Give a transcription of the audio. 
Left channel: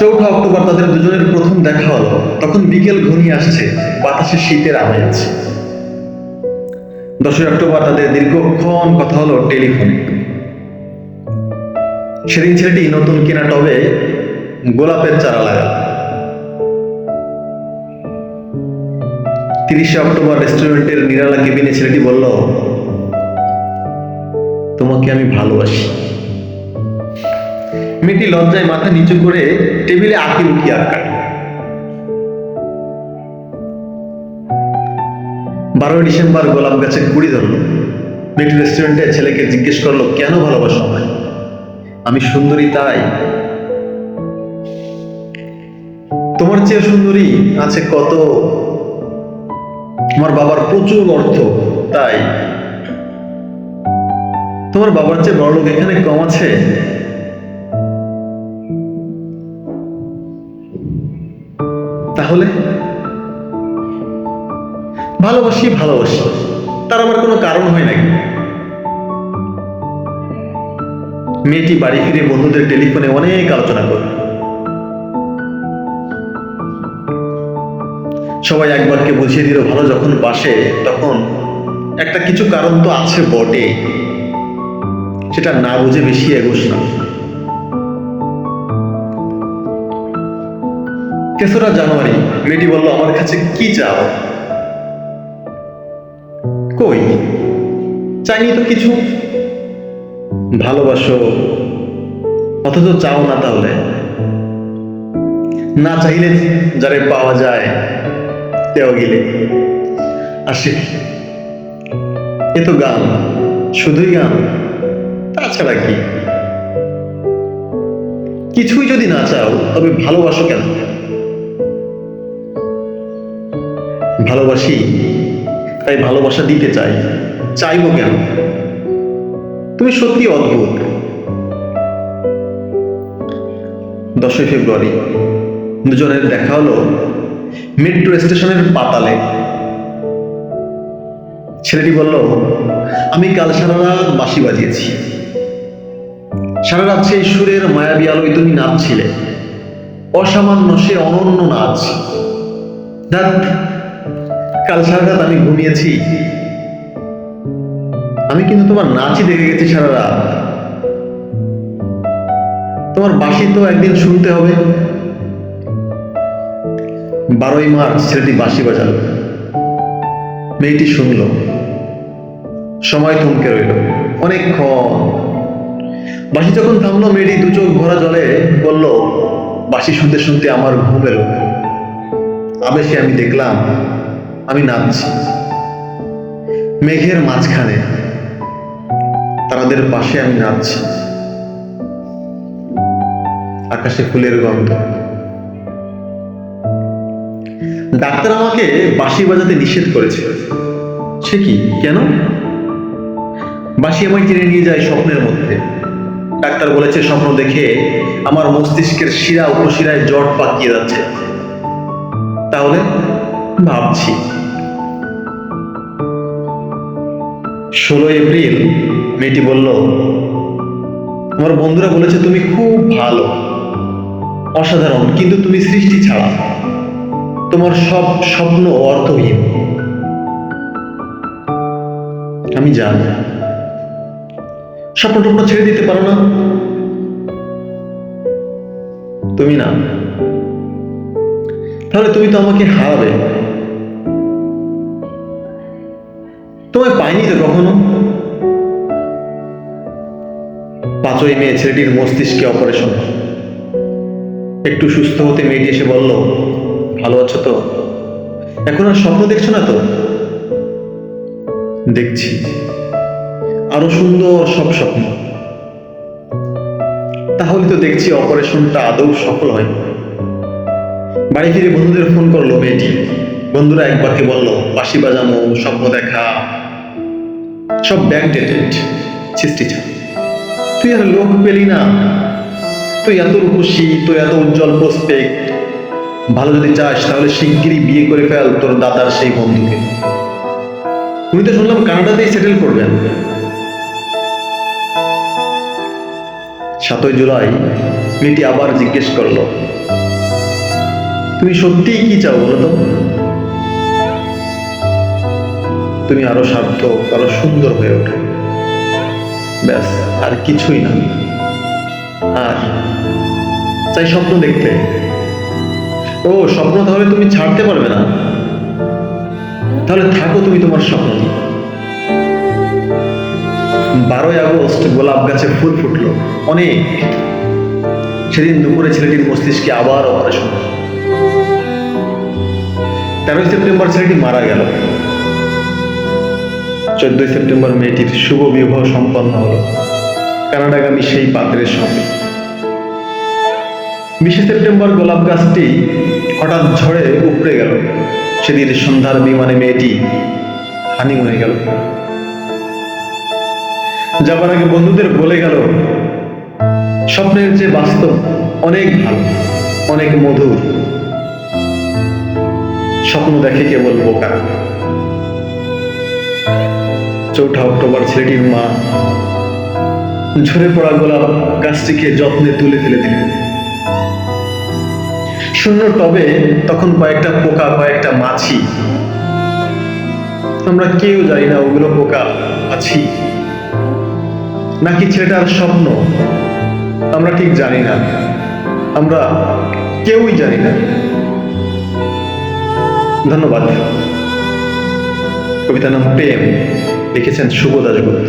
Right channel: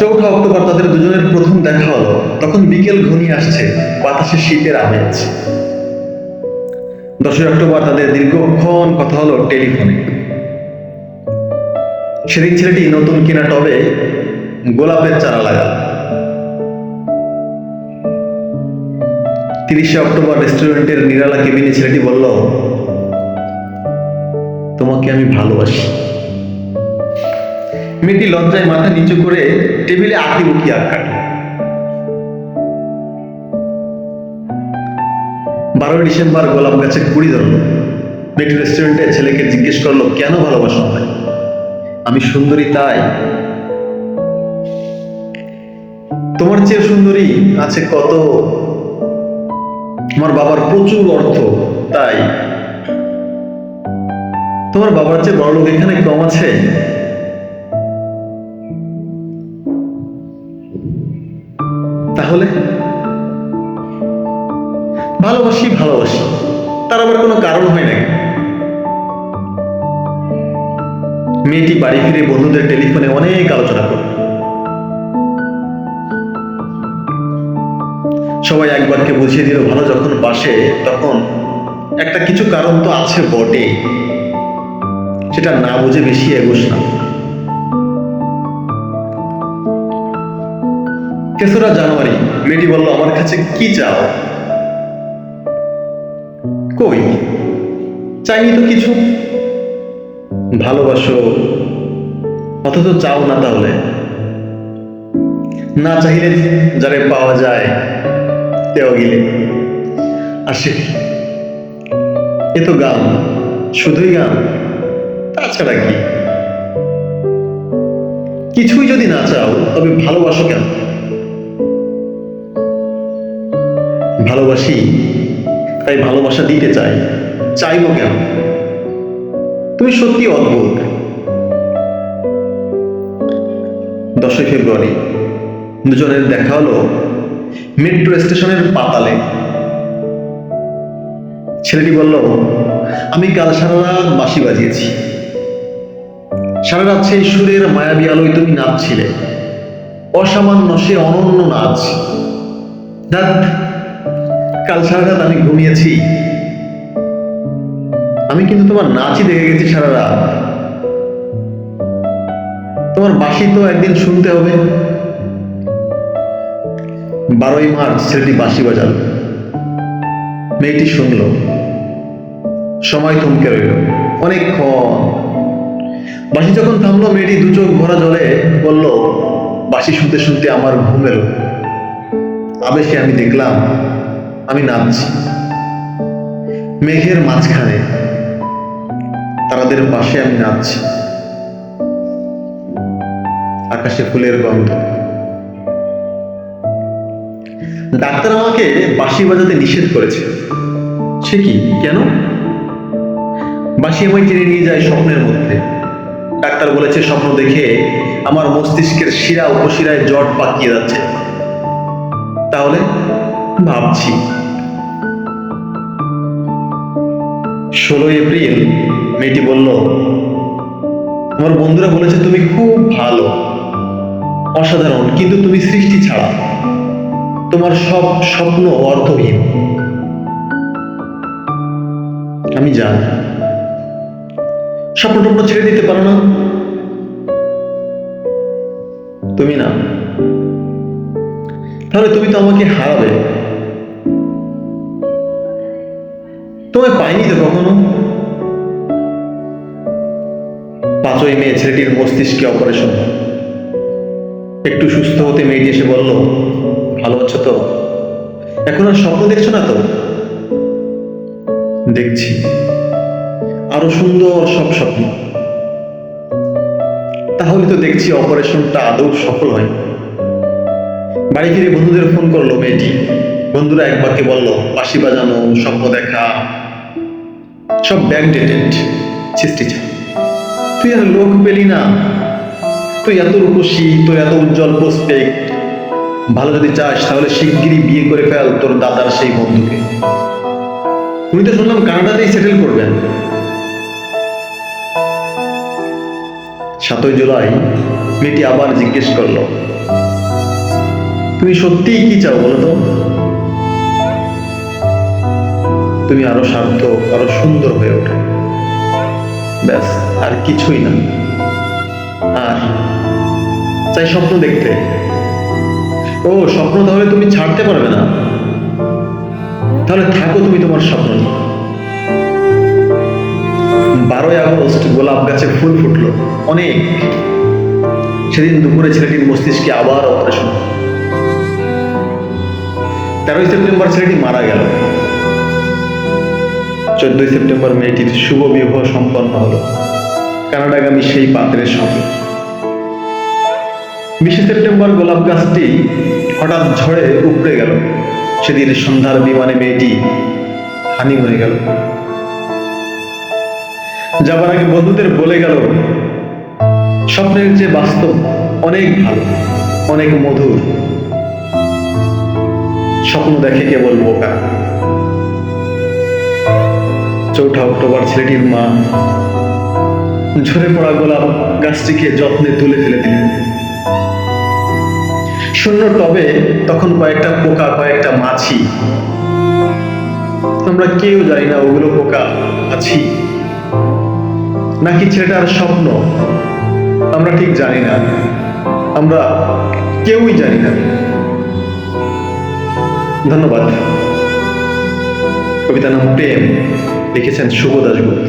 চৌঠা অক্টোবর তাদের দুজনের প্রথম দেখা হলো। তখন বিকেল ঘনিয়ে আসছে, বাতাসে শীতের আমেজ। 10ই অক্টোবর তাদের দীর্ঘক্ষণ কথা হলো টেলিফোনে। সেদিন ছেলেটি নতুন কেনা টবে গোলাপের চারা লাগাল। 30শে অক্টোবর রেস্টুরেন্টের নিরালা কেবিনে ছেলেটি বলল, তোমাকে আমি ভালোবাসি। মেয়েটি লজ্জায় মাথা নিচু করে টেবিলে আঁকিবুকি আঁক কাটল। 12ই ডিসেম্বর গোলাপ গাছে কুড়ি ধরলো। মেয়েটি রেস্টুরেন্টে ছেলেকে জিজ্ঞেস করলো, কেন ভালোবাসো আমায়? আমি সুন্দরী তাই। তোমার চেয়ে সুন্দরী আছে কত। আমার বাবার প্রচুর অর্থ তাই। তোমার বাবার চেয়ে বড় লোক এখানে কম আছে? তাহলে ভালোবাসি ভালোবাসি, তার আবার কোনো কারণ হয় নাকি? মেয়েটি বাড়ি ফিরে বন্ধুদের টেলিফোনে অনেক আলোচনা করল। সবাই এক বাক্যে বুঝিয়ে দিল, ভালো যখন বাসে তখন একটা কিছু কারণ তো আছে বটে, সেটা না বুঝে বেশি এগোস না। 3রা জানুয়ারি মেয়েটি বলল, আমার কাছে কি চাও? কই, চাইনি তো কিছু। ভালোবাসো অথচ চাও না, তাহলে না চাইলে যারে পাওয়া যায় তেও গিলে আসে। এ তো গান, শুধুই গান, তাছাড়া কি? কিছুই যদি না চাও তবে ভালোবাসো কেন? ভালোবাসি তাই ভালোবাসা দিতে চাই, চাইবো কেন? তুমি সত্যি অদ্ভুত। 10ই ফেব্রুয়ারি দুজনের দেখা হলো মেট্রো স্টেশনের পাতালে। ছেলেটি বলল, আমি কাল সারা রাত বাঁশি বাজিয়েছি। সারা রাত সেই সুরের মায়াবী আলোয় তুমি নাচছিলে। অসামান্য সে অনন্য নাচ। ধ্যাৎ, কাল সারা রাত আমি ঘুমিয়েছি, আমি কিন্তু তোমার নাচই দেখে গেছি সারা রাত। তোমার বাঁশি তো একদিন শুনতে হবে। 12ই মার্চ ছেলেটি বাঁশি বাজালো। মেয়েটি শুনলো। সময় থমকে রইল অনেকক্ষণ। বাঁশি যখন থামলো, মেয়েটি দু চোখ ভরা জলে বলল, বাঁশি শুনতে শুনতে আমার ঘুম এলো। আবেশে আমি দেখলাম আমি নাচছি মেঘের মাঝখানে, তারাদের পাশে আমি নাচছি। আকাশে ফুলের গন্ধ। ডাক্তার আমাকে বাঁশি বাজাতে নিষেধ করেছে। সে কি, কেন? বাঁশি আমায় টেনে নিয়ে যায় স্বপ্নের মধ্যে। ডাক্তার বলেছে, স্বপ্ন দেখে আমার মস্তিষ্কের শিরা উপশিরায় জট পাকিয়ে যাচ্ছে। তাহলে ভাবছি। 16ই এপ্রিল মেয়েটি বলল, আমার বন্ধুরা বলেছে তুমি খুব ভালো, অসাধারণ, কিন্তু তুমি সৃষ্টি ছাড়া। তোমার সব স্বপ্ন অর্থহীন। আমি জানি। স্বপ্ন টপ্ন ছেড়ে দিতে পারো না তুমি? না, তাহলে তুমি তো আমাকে হারাবে। তোমায় পাইনি তো কখনো। 5ই মে ছেলেটির মস্তিষ্কে অপারেশন হয়। একটু সুস্থ হতে মেয়েটি এসে বলল, ভালো আছো তো? এখন আর স্বপ্ন দেখছো না তো? দেখছি আরো সুন্দর সব স্বপ্ন। তাহলে তো দেখছি অপারেশনটা আদৌ সফল হয়। বাড়ি ফিরে বন্ধুদের ফোন করলো মেয়েটি। বন্ধুরা এক বাক্যে বলল, বাঁশি বাজানো, স্বপ্ন দেখা সব ব্যাকডেটেড, সৃষ্টি ছাড়া। তুই আর লোক পেলি না। তুই এত রূপসী, তোর এত উজ্জ্বল প্রসপেক্ট। ভালো যদি চাস তাহলে শিগগিরই বিয়ে করে ফেল তোর দাদার সেই বন্ধুকে। উনি তো শুনলাম কানাডাতেই সেটেল করবেন। 7ই জুলাই মেয়েটি আবার জিজ্ঞেস করলো, তুমি সত্যিই কি চাও বলো তো? তুমি আরো সার্থক, আরো সুন্দর হয়ে ওঠো, ব্যাস, আর কিছুই না। আর চাই স্বপ্ন দেখতে। ও স্বপ্ন তাহলে তুমি ছাড়তে পারবে না? তাহলে থাকো তুমি তোমার স্বপ্ন নিয়ে। 12ই আগস্ট গোলাপ গাছে ফুল ফুটলো অনেক। সেদিন দুপুরে ছেলেটির মস্তিষ্কে আবার অপারেশন। 13ই সেপ্টেম্বর ছেলেটি মারা গেল। 14ই সেপ্টেম্বর মেয়েটির শুভ বিবাহ সম্পন্ন হলো কানাডাগামী সেই পাত্রের সঙ্গে। 20শে সেপ্টেম্বর গোলাপ গাছটি হঠাৎ ঝড়ে উপড়ে গেল। সেদিন সন্ধ্যার বিমানে মেয়েটি হানিমুনে গেল। যাবার আগে বন্ধুদের বলে গেল, স্বপ্নের চেয়ে বাস্তব অনেক ভালো, অনেক মধুর। স্বপ্ন দেখে কেবল বোকারা। 4ঠা অক্টোবর ছেলেটির মা ঝরে পড়া গোলাপ গাছটিকে যত্নে তুলে ফেলে দিলেন। শূন্য টবে তখন কয়েকটা পোকা, কয়েকটা মাছি। আমরা কেউ জানি না ওগুলো পোকা, মাছি নাকি ছেলেটার স্বপ্ন, আমরা ঠিক জানি না, আমরা কেউই জানি না। ধন্যবাদ। কবিতার নাম প্রেম, লিখেছেন শুভ দাশগুপ্ত।